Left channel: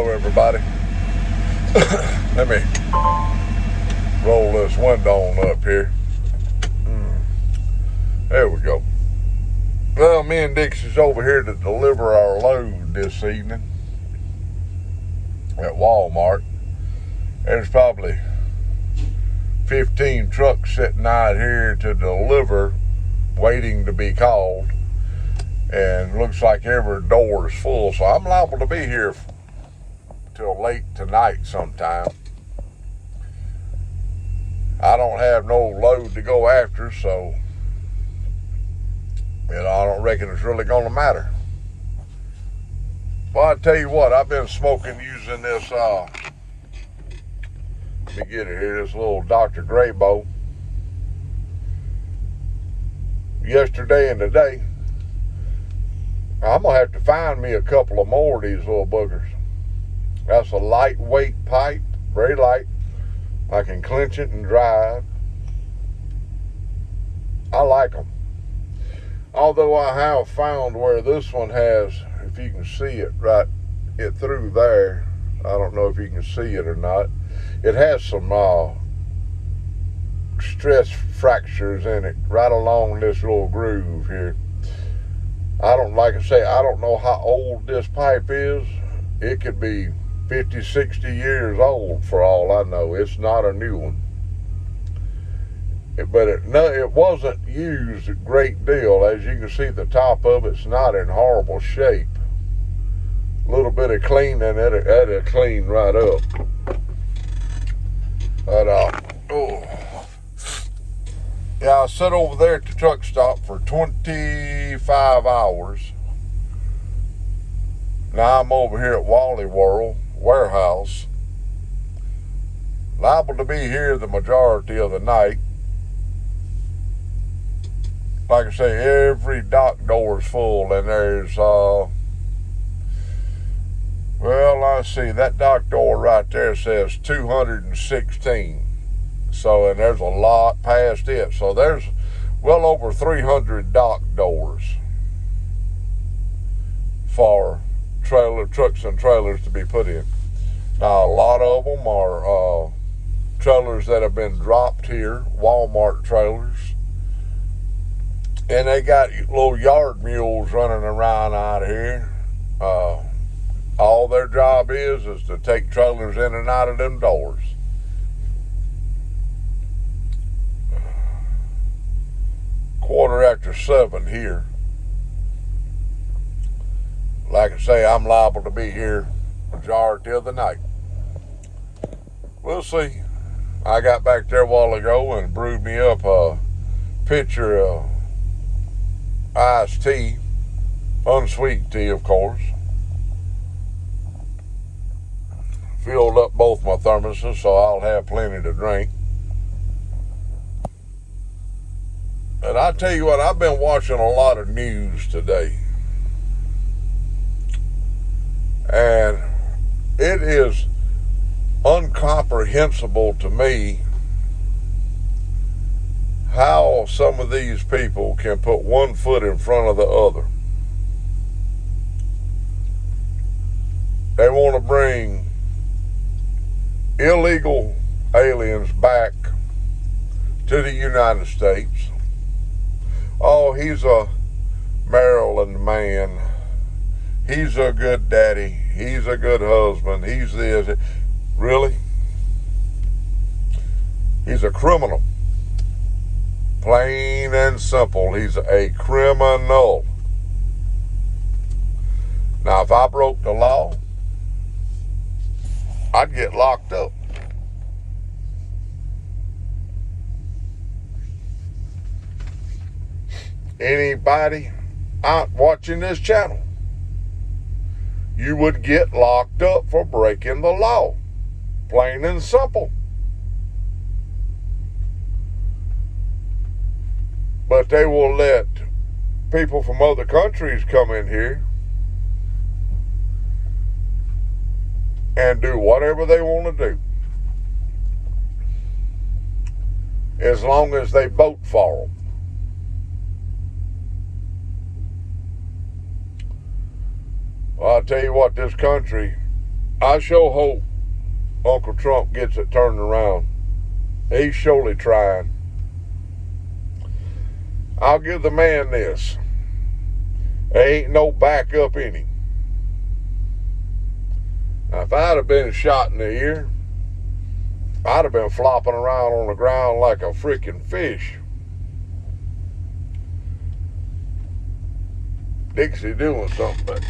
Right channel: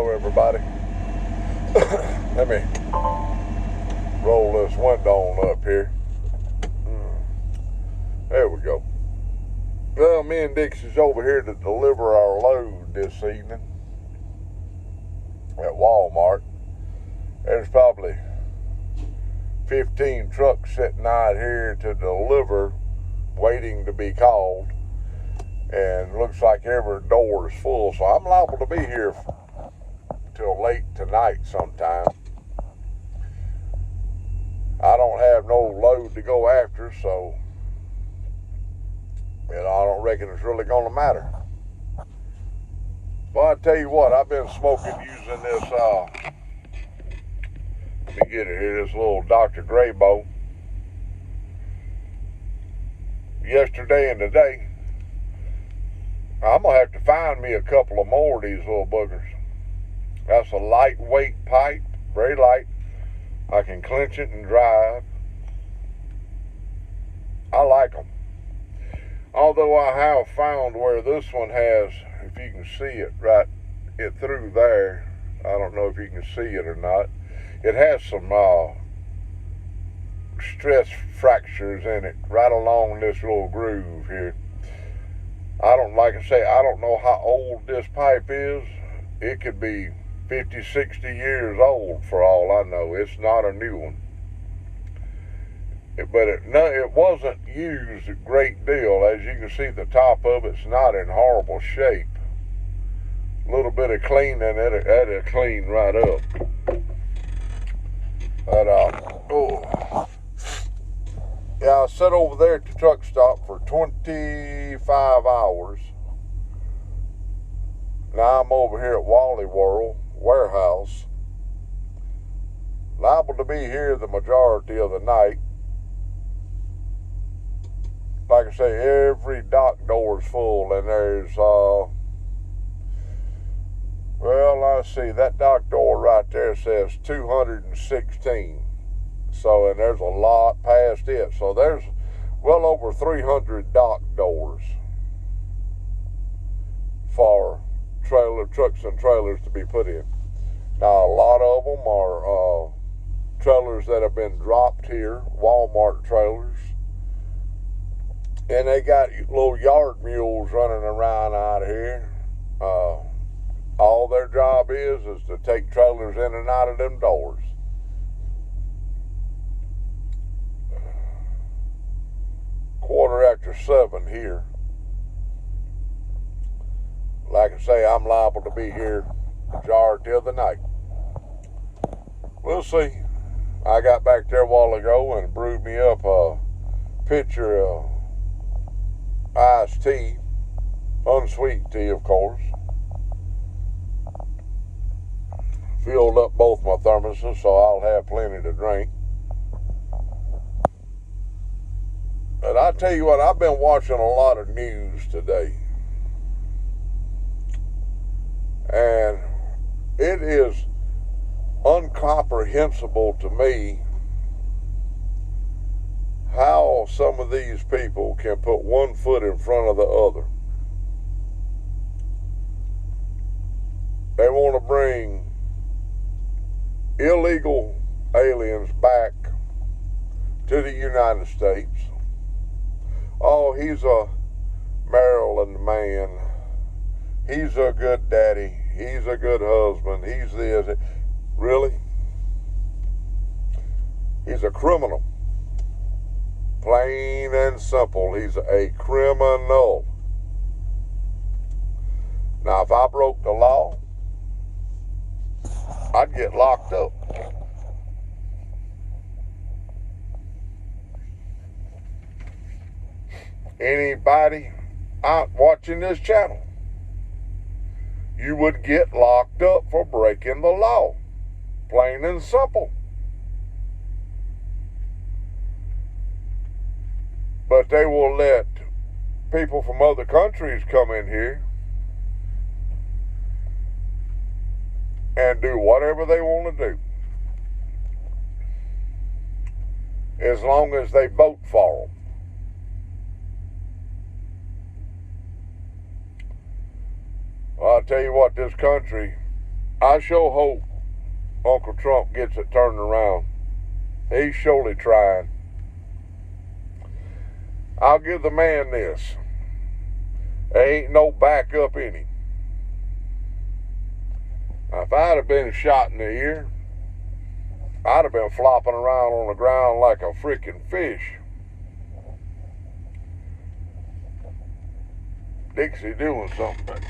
Hello, everybody. Let me roll this window on up here. There we go. Well, me and Dixie's over here to deliver our load this evening at Walmart. There's probably 15 trucks sitting out here to deliver, waiting to be called. And looks like every door is full, so I'm liable to be here till late tonight sometime. I don't have no load to go after, so I don't reckon it's really gonna matter. Well, I tell you what, I've been smoking using this let me get it here, this little Dr. Graybo. Yesterday and today. I'm gonna have to find me a couple of more of these little boogers. That's a lightweight pipe, very light. I can clench it and drive. I like them. Although I have found where this one has, if you can see it through there, I don't know if you can see it or not, it has some stress fractures in it right along this little groove here. Like I say, I don't know how old this pipe is. It could be 50, 60 years old for all I know. It's not a new one. But it wasn't used a great deal. As you can see, the top of it's not in horrible shape. A little bit of cleaning, it'll clean right up. I sat over there at the truck stop for 25 hours. Now I'm over here at Wally World warehouse. Liable to be here the majority of the night. Like I say, every dock door is full, and there's, let's see, that dock door right there says 216. So, and there's a lot past it. So there's well over 300 dock doors for trucks and trailers to be put in. Now, a lot of them are trailers that have been dropped here, Walmart trailers. And they got little yard mules running around out here. All their job is to take trailers in and out of them doors. Quarter after 7 here. Like I say, I'm liable to be here majority of the night. We'll see. I got back there a while ago and brewed me up a pitcher of iced tea, unsweet tea, of course. Filled up both my thermoses, so I'll have plenty to drink. And I tell you what, I've been watching a lot of news today. And it is incomprehensible to me how some of these people can put one foot in front of the other. They want to bring illegal aliens back to the United States. Oh, he's a Maryland man. He's a good daddy. He's a good husband. He's this. Really? He's a criminal. Plain and simple. He's a criminal. Now, if I broke the law, I'd get locked up. Anybody out watching this channel, you would get locked up for breaking the law. Plain and simple. But they will let people from other countries come in here and do whatever they want to do, as long as they vote for them. Well, I'll tell you what, this country I sure hope Uncle Trump gets it turned around. He's surely trying. I'll give the man this. There ain't no backup in him. Now, if I'd have been shot in the ear, I'd have been flopping around on the ground like a freaking fish. Dixie doing something, but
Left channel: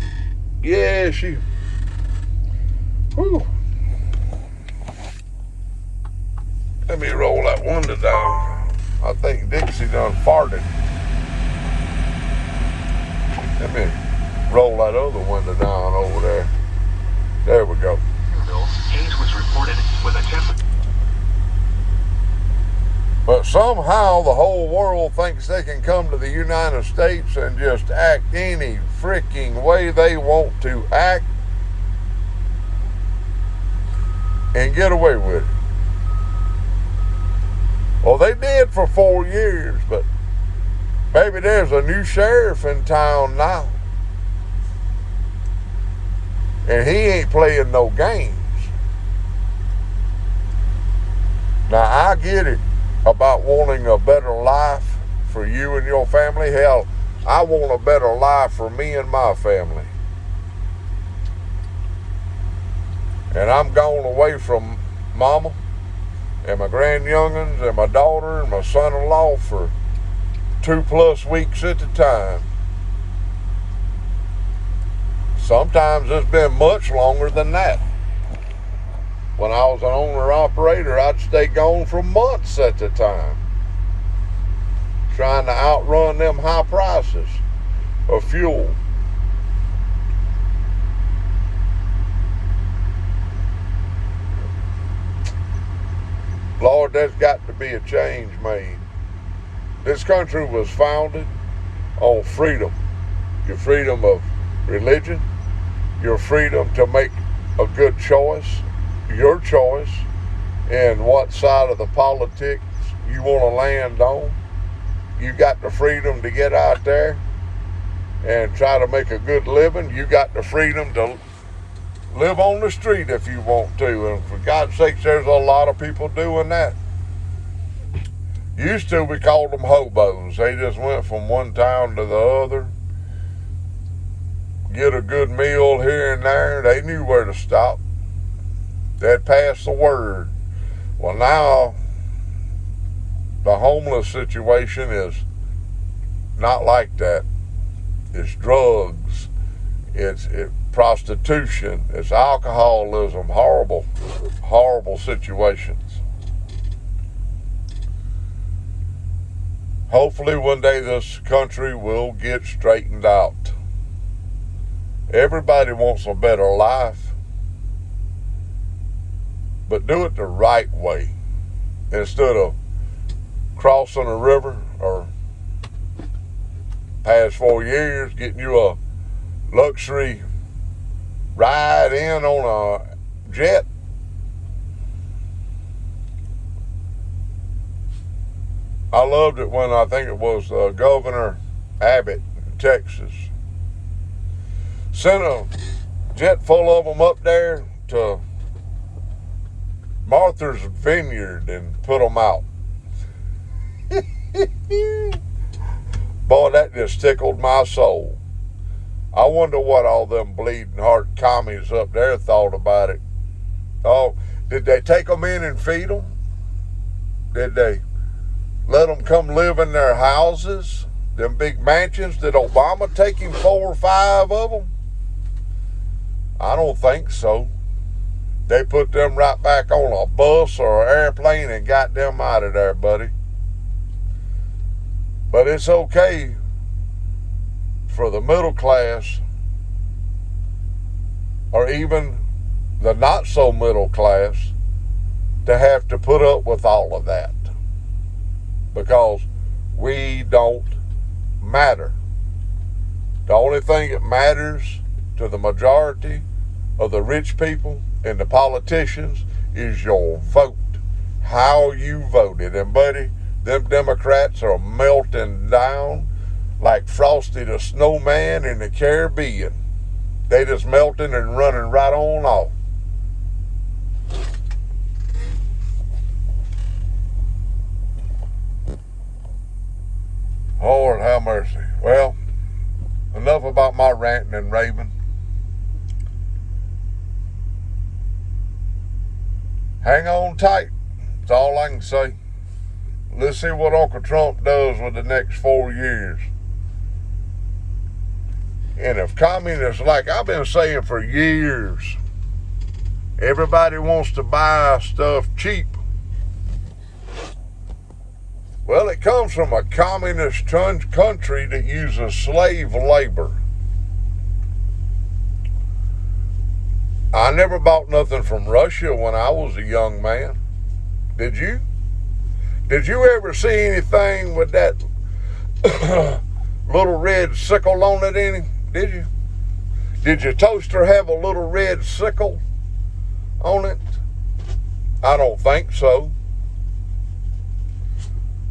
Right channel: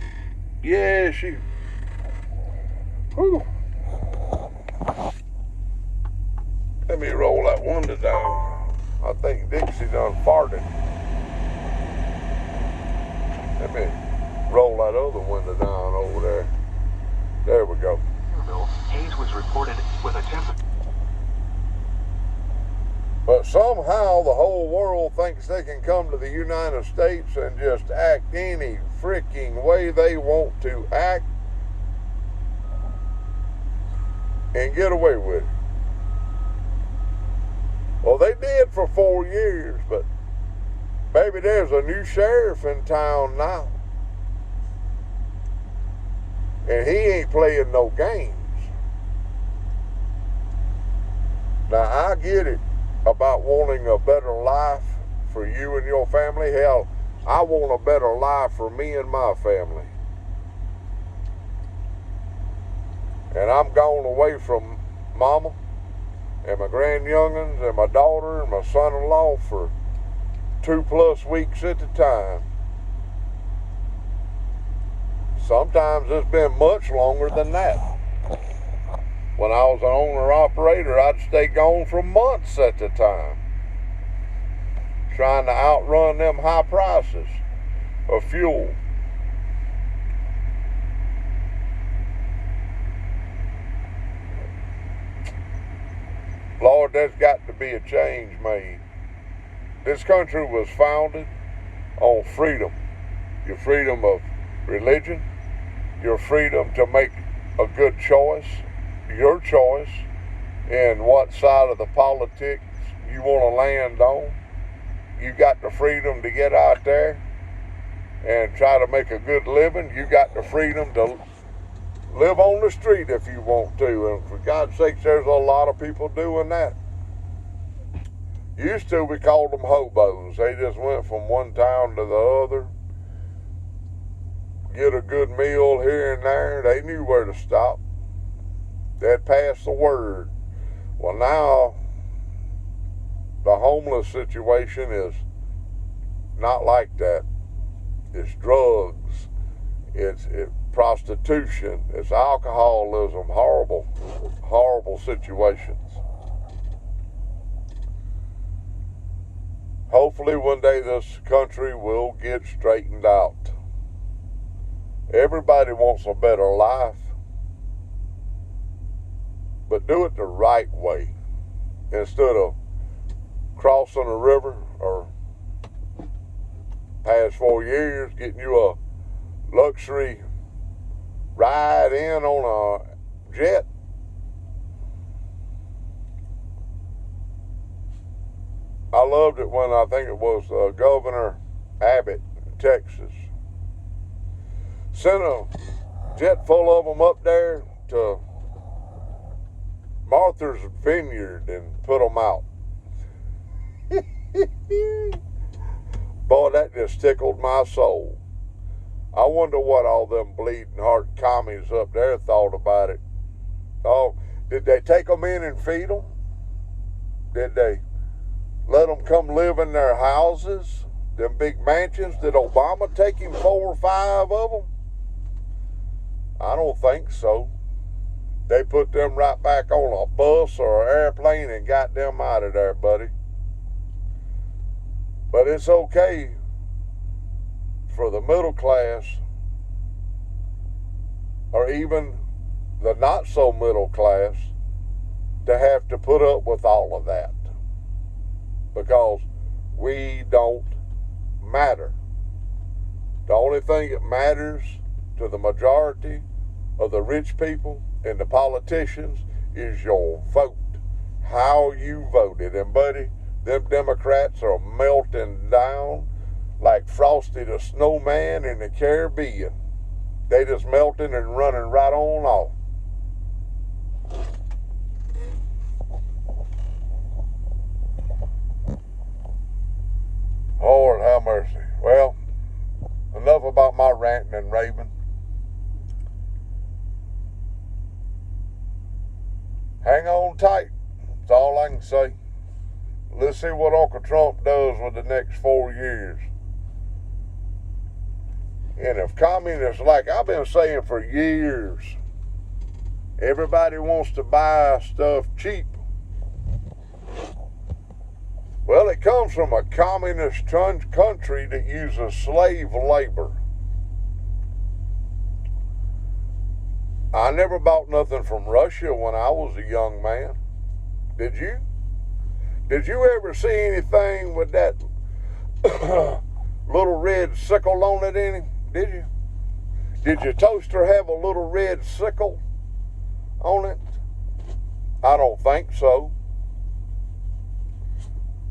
yeah, she. Whew. Let me roll that window down. I think Dixie done farted. Let me roll that other window down over there. There we go. Hayes was reported with a temperature. But somehow the whole world thinks they can come to the United States and just act any freaking way they want to act and get away with it. Well, they did for 4 years, but maybe there's a new sheriff in town now. And he ain't playing no games. Now, I get it about wanting a better life for you and your family. Hell, I want a better life for me and my family. And I'm gone away from Mama and my grandyoungins and my daughter and my son-in-law for 2+ weeks at a time. Sometimes it's been much longer than that. When I was an owner-operator, I'd stay gone for months at a time, trying to outrun them high prices of fuel. Lord, there's got to be a change made. This country was founded on freedom. Your freedom of religion, your freedom to make a good choice, your choice in what side of the politics you want to land on. You got the freedom to get out there and try to make a good living. You got the freedom to live on the street if you want to. And for God's sakes, there's a lot of people doing that. Used to, we called them hobos. They just went from one town to the other, get a good meal here and there. They knew where to stop. They'd pass the word. Well, now the homeless situation is not like that. It's drugs, it's prostitution, it's alcoholism, horrible, horrible situations. Hopefully one day this country will get straightened out. Everybody wants a better life, but do it the right way. Instead of crossing a river or past 4 years getting you a luxury ride in on a jet. I loved it when I think it was Governor Abbott in Texas sent a jet full of them up there to Martha's Vineyard and put them out. Boy, that just tickled my soul. I wonder what all them bleeding heart commies up there thought about it. Oh, did they take them in and feed them? Did they let them come live in their houses, them big mansions? Did Obama take him 4 or 5 of them? I don't think so. They put them right back on a bus or an airplane and got them out of there, buddy. But it's okay for the middle class or even the not so middle class to have to put up with all of that, because we don't matter. The only thing that matters to the majority of the rich people and the politicians is your vote, how you voted. And buddy, them Democrats are melting down like Frosty the Snowman in the Caribbean. They just melting and running right on off. Lord have mercy. Well, enough about my ranting and raving. Hang on tight. That's all I can say. Let's see what Uncle Trump does with the next 4 years. And if communists, like I've been saying for years, everybody wants to buy stuff cheap. Well, it comes from a communist country that uses slave labor. I never bought nothing from Russia when I was a young man. Did you? Did you ever see anything with that little red sickle on it in it? Did you? Did your toaster have a little red sickle on it? I don't think so.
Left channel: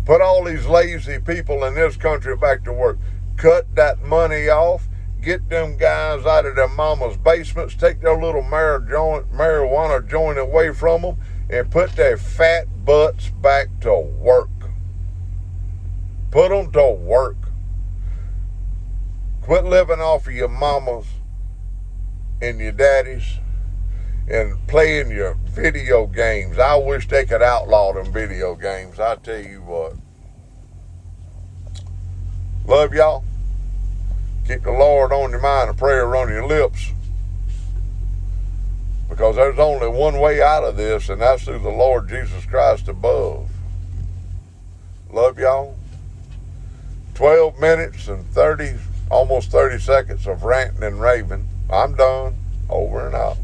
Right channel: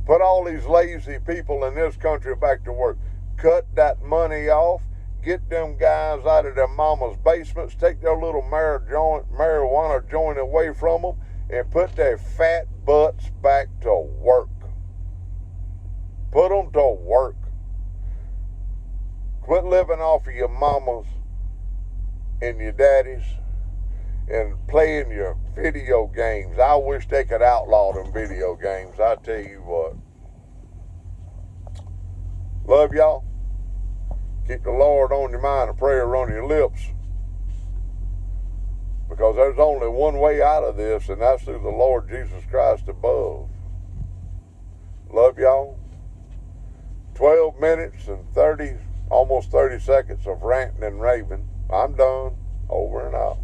Put all these lazy people in this country back to work. Cut that money off. Get them guys out of their mama's basements. Take their little marijuana joint away from them and put their fat butts back to work. Put them to work. Quit living off of your mamas and your daddies and playing your video games. I wish they could outlaw them video games. I tell you what. Love y'all. Keep the Lord on your mind and prayer on your lips. Because there's only one way out of this, and that's through the Lord Jesus Christ above. Love y'all. 12 minutes and almost 30 seconds of ranting and raving. I'm done. Over and out.